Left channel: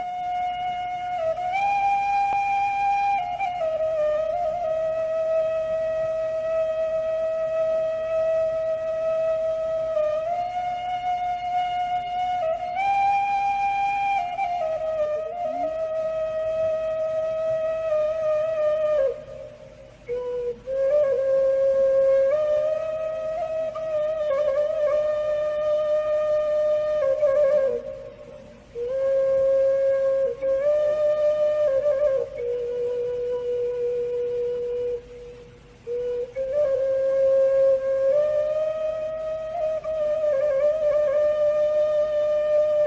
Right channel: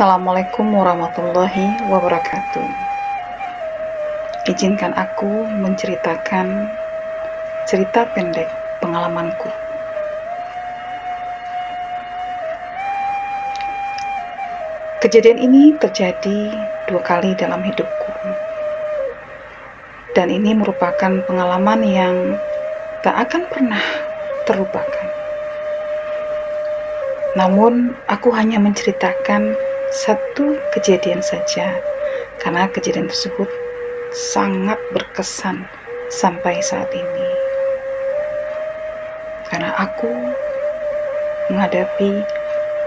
Assalamualaikum warahmatullahi wabarakatuh. Izinkan aku menceritakan cerita pendek pengalamanku. Kejadian ini terjadi 2 kali dalam hidupku. Dan ini merupakan pengalaman yang tak akan pernah terlupakan. Namun, aku hanya menceritakan satu kejadian saja, karena kejadian tersebut sangat berkesan sampai saat ini. Karena aku menghadapi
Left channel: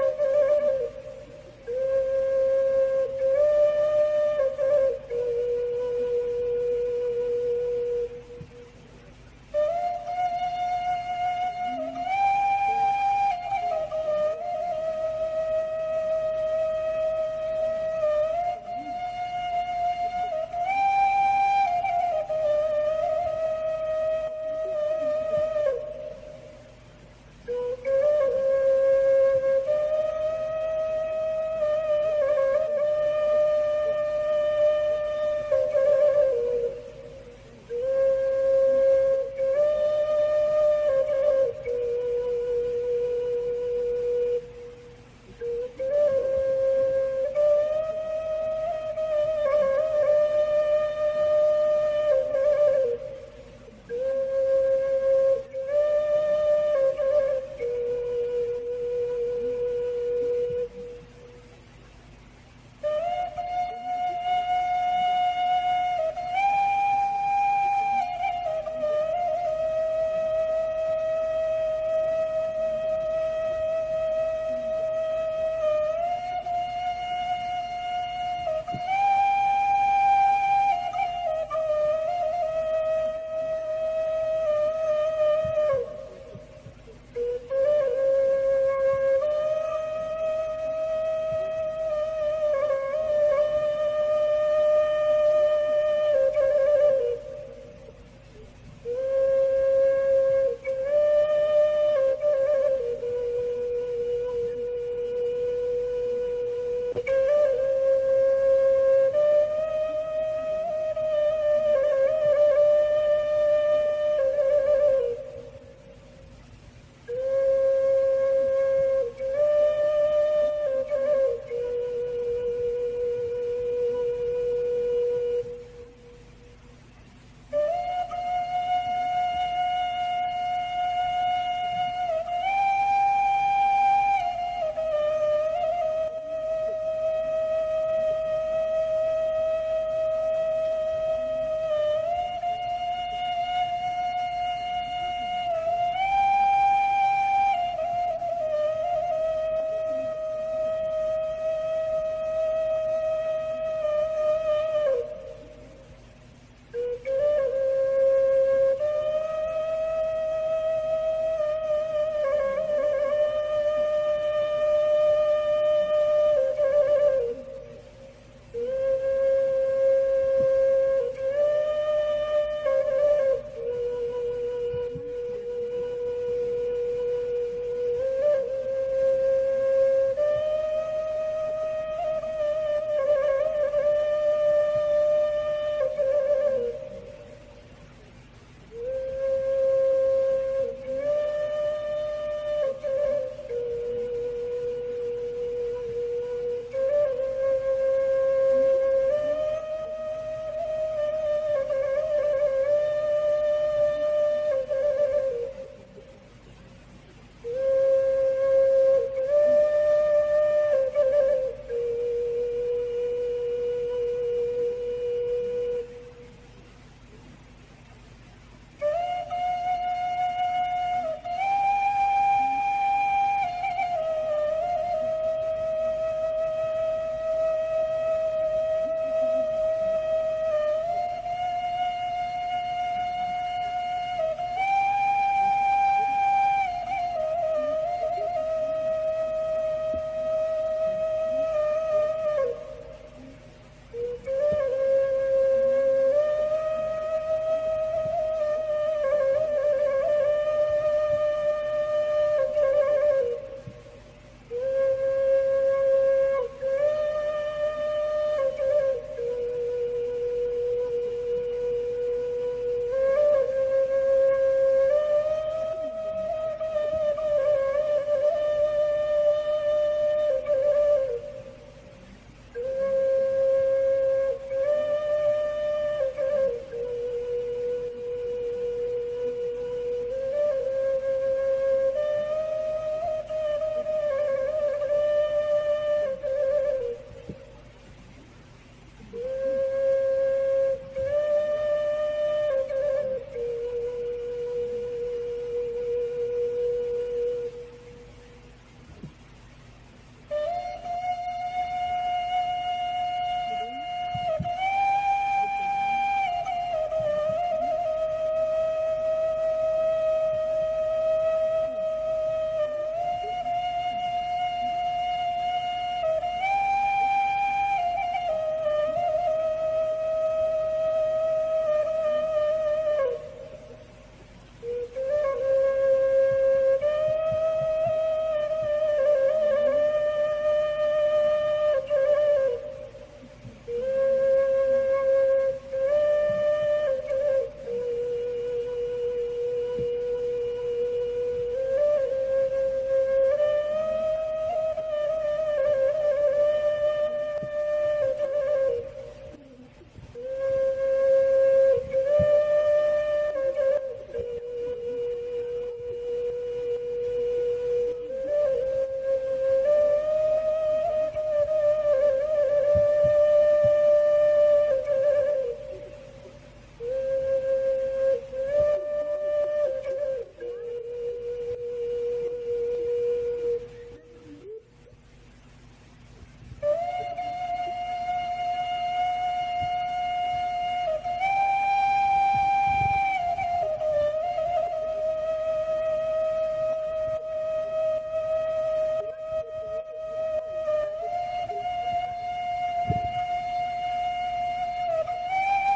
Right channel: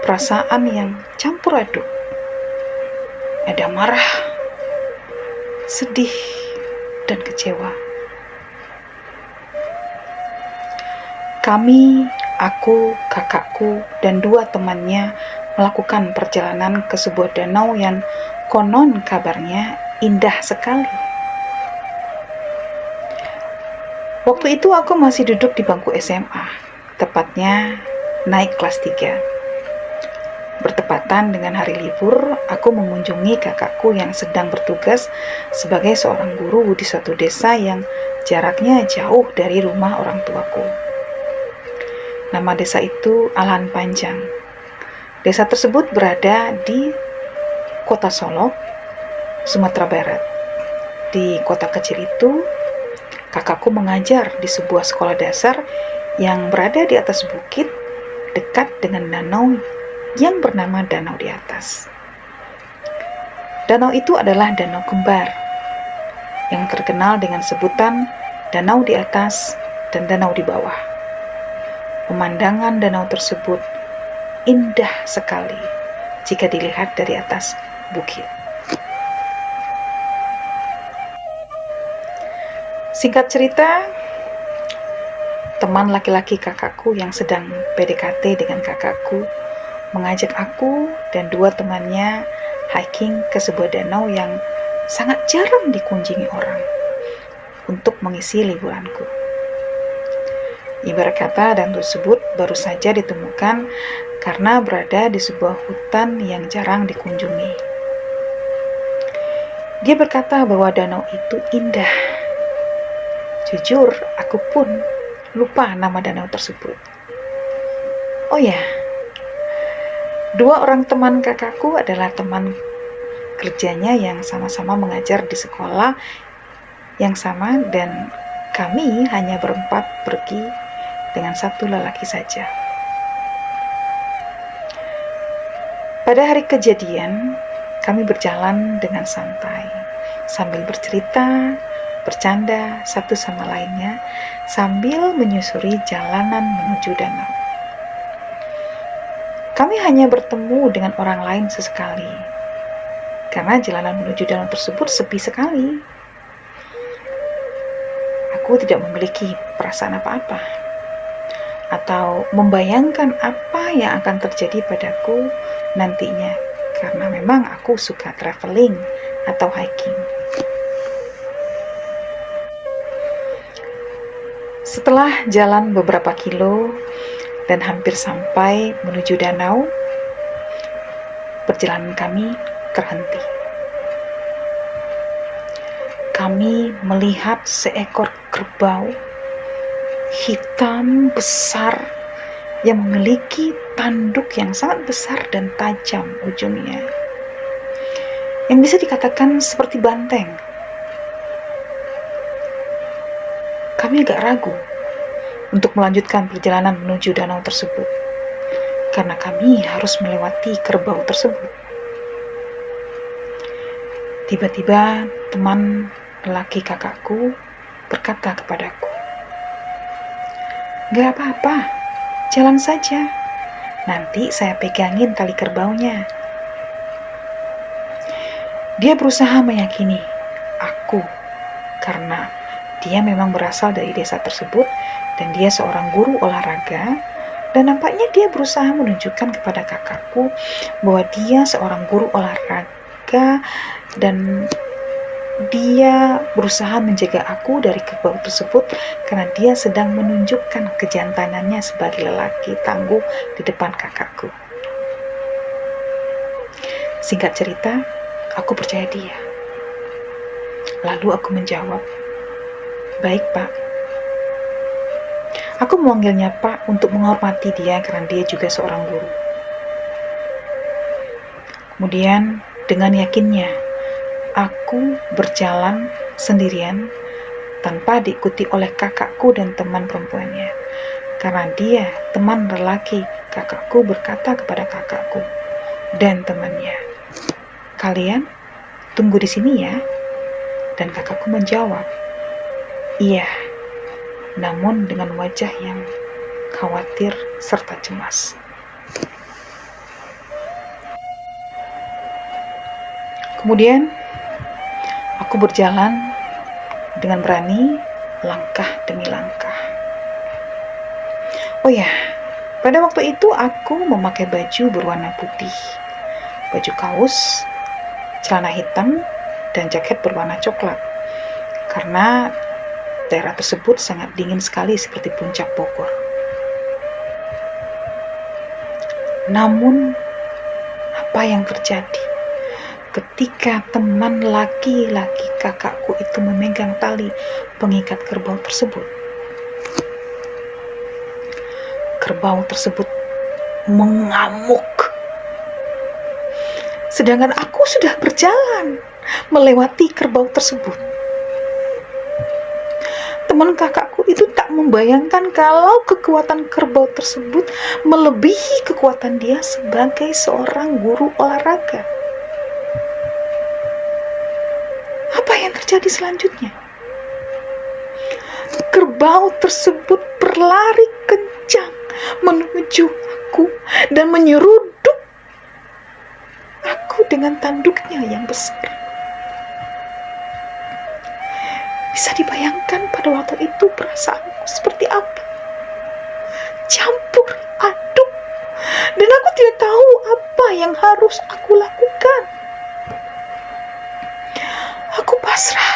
perasaan yang campur aduk. Ada marah, sedih, dan kecewa. Aku, kakakku, dan 2 temannya melakukan perjalanan ke sebuah danau yang konon kabarnya indah sekali. Waktu itu aku masih duduk di bangku SMA, tepatnya naik kelas 3. Bertepatan dengan hari libur, aku mengunjungi kakakku yang sedang bertugas sebagai seorang guru di suatu desa yang jaraknya jauh dari rumah orang tuaku. Nama desa itu Alan Panjang. Desa tersebut berada di Kota Solok, Sumatera Barat. Di kota kecil itu, kakakku mengajar di sebuah sekolah dasar yang berada di atas bukit dekat dengan danau yang bernama Danau di Atas. Danau itu adalah danau kembar yang terkenal dengan sebutan Danau di Atas dan Danau di Bawah. Pemandangan danau tersebut indah sekali jika dilihat dari atas bukit. Singkat cerita, teman laki-laki kakakku yang sedang PDKT dengan kakakku mengajak aku dan 2 temannya hiking ke sebuah danau yang sangat jarang dikunjungi orang untuk mengisi liburanku. Ibarat kata, danau tersebut baru saja ditemukan karena berada di sebuah hutan yang jarang dikunjungi. Dia berkata bahwa danau itu indah. Jujur, aku pun lupa nama danau tersebut. Oh ya, 2 orang teman kakakku adalah teman kerjanya yang sama-sama mengajar di sekolah yang sama, dan kami hanya berempat pergi dengan 1 lelaki saja. Pada hari kejadian, kami berjalan dengan santai, sambil bercerita, bercanda satu sama lainnya, sambil menyusuri jalanan menuju danau. Kami hanya bertemu dengan orang lain sesekali, karena jalanan menuju danau tersebut sepi sekali. Aku tidak memiliki perasaan apa-apa, atau membayangkan apa yang akan terjadi padaku nantinya, karena memang aku suka traveling atau hiking. Setelah jalan beberapa kilo dan hampir sampai menuju danau, perjalanan kami terhenti. Kami melihat seekor kerbau hitam besar yang memiliki tanduk yang sangat besar dan tajam ujungnya, yang bisa dikatakan seperti banteng. Kami agak ragu untuk melanjutkan perjalanan menuju danau tersebut, karena kami harus melewati kerbau tersebut. Tiba-tiba teman lelaki kakakku berkata kepadaku, "Gak apa-apa, jalan saja. Nanti saya pegangin tali kerbaunya." Dia berusaha meyakini aku, karena dia memang berasal dari desa tersebut dan dia seorang guru olahraga, dan nampaknya dia berusaha menunjukkan kepada kakakku bahwa dia seorang guru olahraga dan dia berusaha menjaga aku dari kerbau tersebut karena dia sedang menunjukkan kejantanannya sebagai lelaki tangguh di depan kakakku. Singkat cerita, aku percaya dia. Lalu aku menjawab, "Baik, Pak." Aku memanggilnya Pak untuk menghormati dia karena dia juga seorang guru. Kemudian dengan yakinnya, aku berjalan sendirian tanpa diikuti oleh kakakku dan teman perempuannya. Karena dia, teman lelaki kakakku, berkata kepada kakakku dan temannya, "Kalian tunggu di sini ya." Dan kakakku menjawab, "Iya," namun dengan wajah yang khawatir serta cemas. Kemudian aku berjalan dengan berani, langkah demi langkah. Oh ya, pada waktu itu aku memakai baju berwarna putih, baju kaos, celana hitam, dan jaket berwarna coklat. Karena daerah tersebut sangat dingin sekali seperti puncak Bogor. Namun, apa yang terjadi ketika teman laki-laki kakakku itu memegang tali pengikat kerbau tersebut? Kerbau tersebut mengamuk. Sedangkan aku sudah berjalan melewati kerbau tersebut. Teman kakakku itu tak membayangkan kalau kekuatan kerbau tersebut melebihi kekuatan dia sebagai seorang guru olahraga. Apa yang terjadi selanjutnya? Kerbau tersebut berlari kencang menuju aku dan menyeruduk aku dengan tanduknya yang besar. Bisa dibayangkan pada waktu itu perasaanku seperti apa? Campur aduk. Dan aku tidak tahu apa yang harus aku lakukan. Aku pasrah.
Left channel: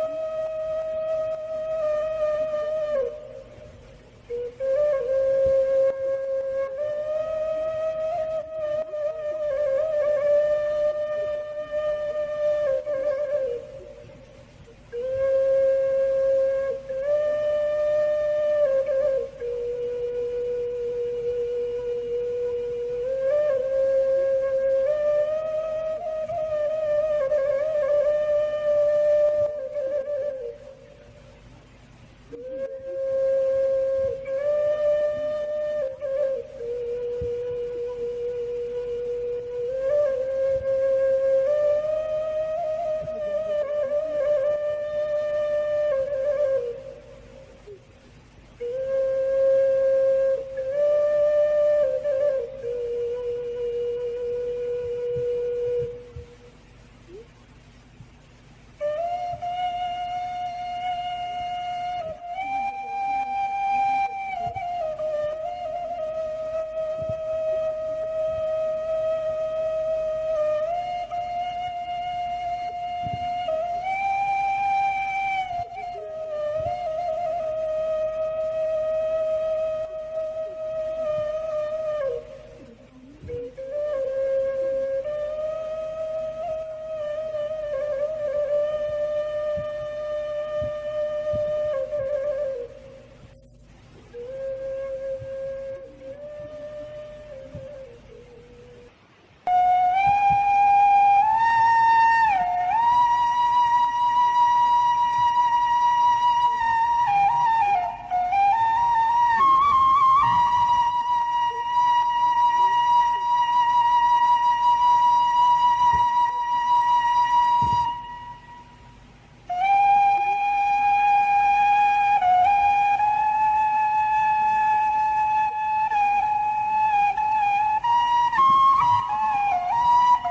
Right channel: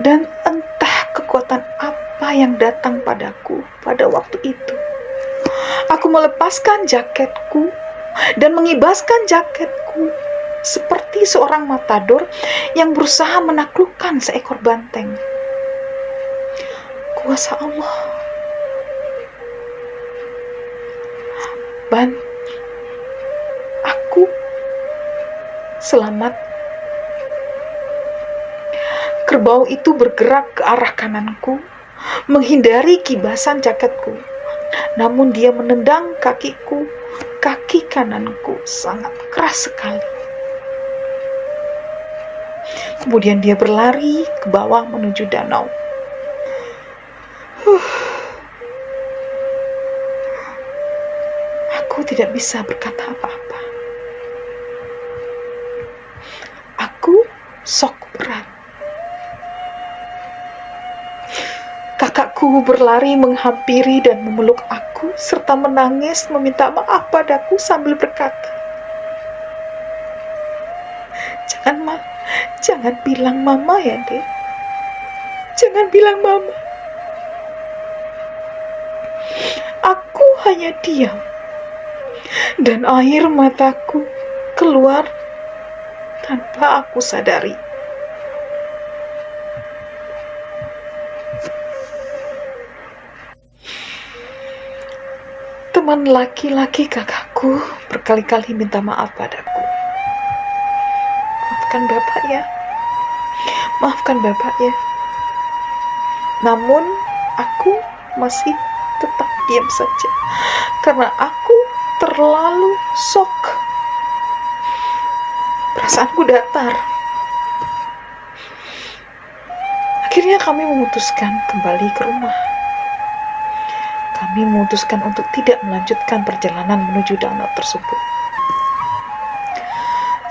Dan entah kekuatan apa yang datang padaku pada waktu itu. Aku melepaskan jaketku dan mengibaskan jaketku seperti seorang matador yang berusaha menaklukkan seekor banteng. Kuasa Allah. Aku selamat. Kerbau itu bergerak ke arah kananku, menghindari kibasan jaketku. Namun dia menendang kakiku, kaki kananku sangat keras sekali. Kemudian dia berlari ke bawah menuju danau. Aku tidak bisa berkata apa-apa. Aku shock berat. Kakakku berlari menghampiri dan memeluk aku serta menangis meminta maaf padaku sambil berkata, Jangan bilang mama ya, Dek. Jangan bilang mama. Aku hanya diam. Dan air mataku keluar tanpa aku sadari. Teman laki-laki kakakku berkali-kali minta maaf padaku. Maafkan Bapak ya. Maafkan Bapak ya. Namun aku masih tetap diam saja. Karena aku terlalu shock. Perasaanku datar. Akhirnya kami memutuskan kembali ke rumah. Kami memutuskan untuk tidak melanjutkan perjalanan menuju danau tersebut.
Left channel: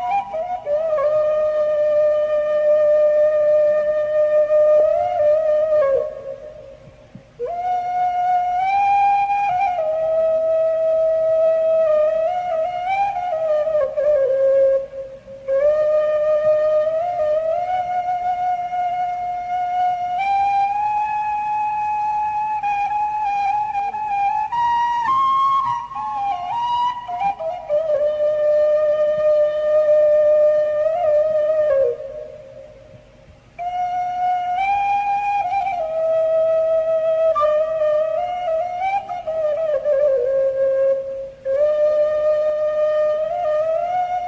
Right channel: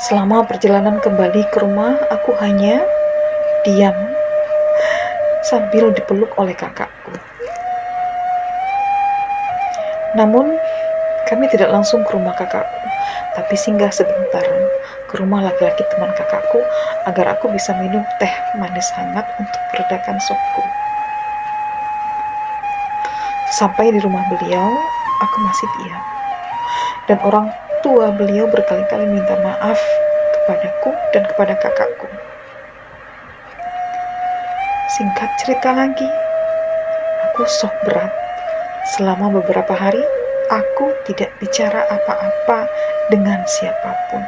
Selama perjalanan kembali ke rumah, aku hanya diam sambil dipeluk oleh kakakku. Namun, kami tidak langsung ke rumah kakakku, tapi singgah sebentar ke rumah laki-laki teman kakakku agar aku bisa minum teh manis hangat untuk meredakan shockku. Sampai di rumah beliau, aku masih diam. dan orang tua beliau berkali-kali minta maaf kepadaku dan kepada kakakku. Singkat cerita lagi, aku shock berat. Selama beberapa hari, aku tidak bicara apa-apa dengan siapapun.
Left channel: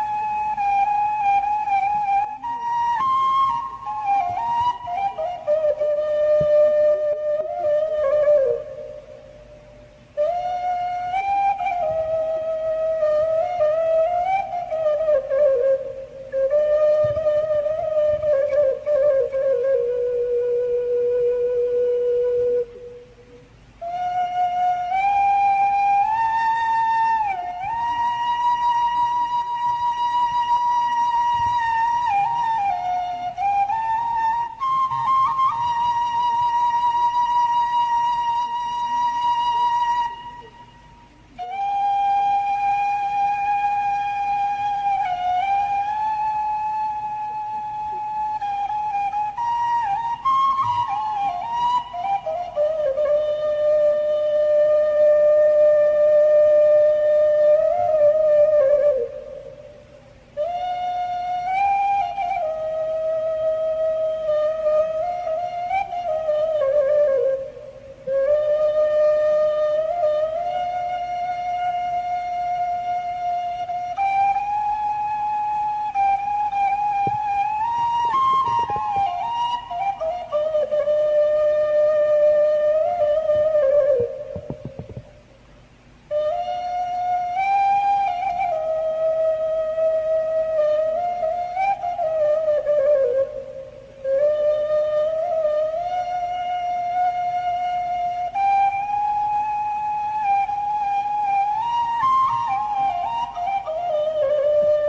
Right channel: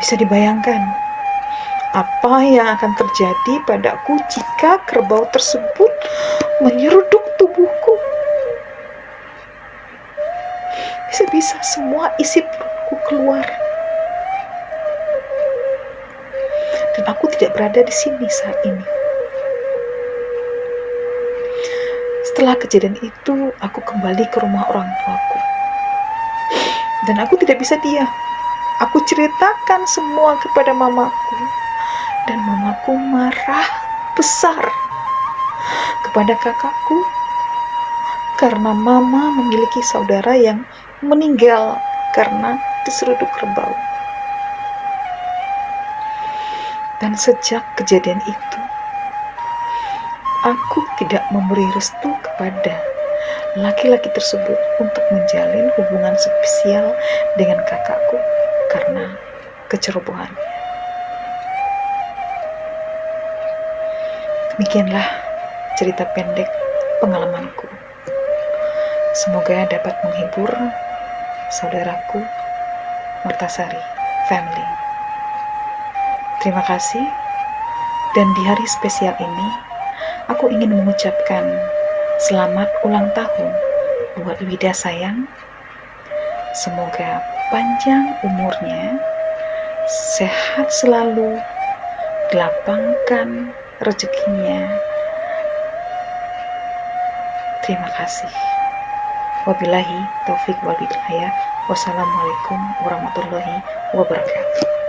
Bisa dibayangkan apa yang akan terjadi padaku jika kerbau tersebut menyeruduk tubuhku. Bisa-bisa semua isi perutku keluar. Dan aku tidak berada di sini saat ini. Setelah kejadian itu, aku kembali ke rumah orang tuaku. Dan aku tidak bisa diam. Aku ceritakan semua kepada mamaku. Dan mamaku marah besar kepada kakakku karena mama memiliki saudara yang meninggal karena diseruduk kerbau. Dan sejak kejadian itu, aku tidak memberi restu kepada laki-laki tersebut untuk menjalin hubungan spesial dengan kakakku karena kecerobohan. Demikianlah cerita pendek pengalamanku. Semoga dapat menghibur saudaraku Mertasari Family. Terima kasih. Dan di hari spesial ini, aku ingin mengucapkan selamat ulang tahun buat Wida sayang. Semoga panjang umurnya, sehat selalu, dilapangkan rezekinya. Terima kasih. Wabillahi taufik wal hidayah. Wassalamualaikum warahmatullahi wabarakatuh.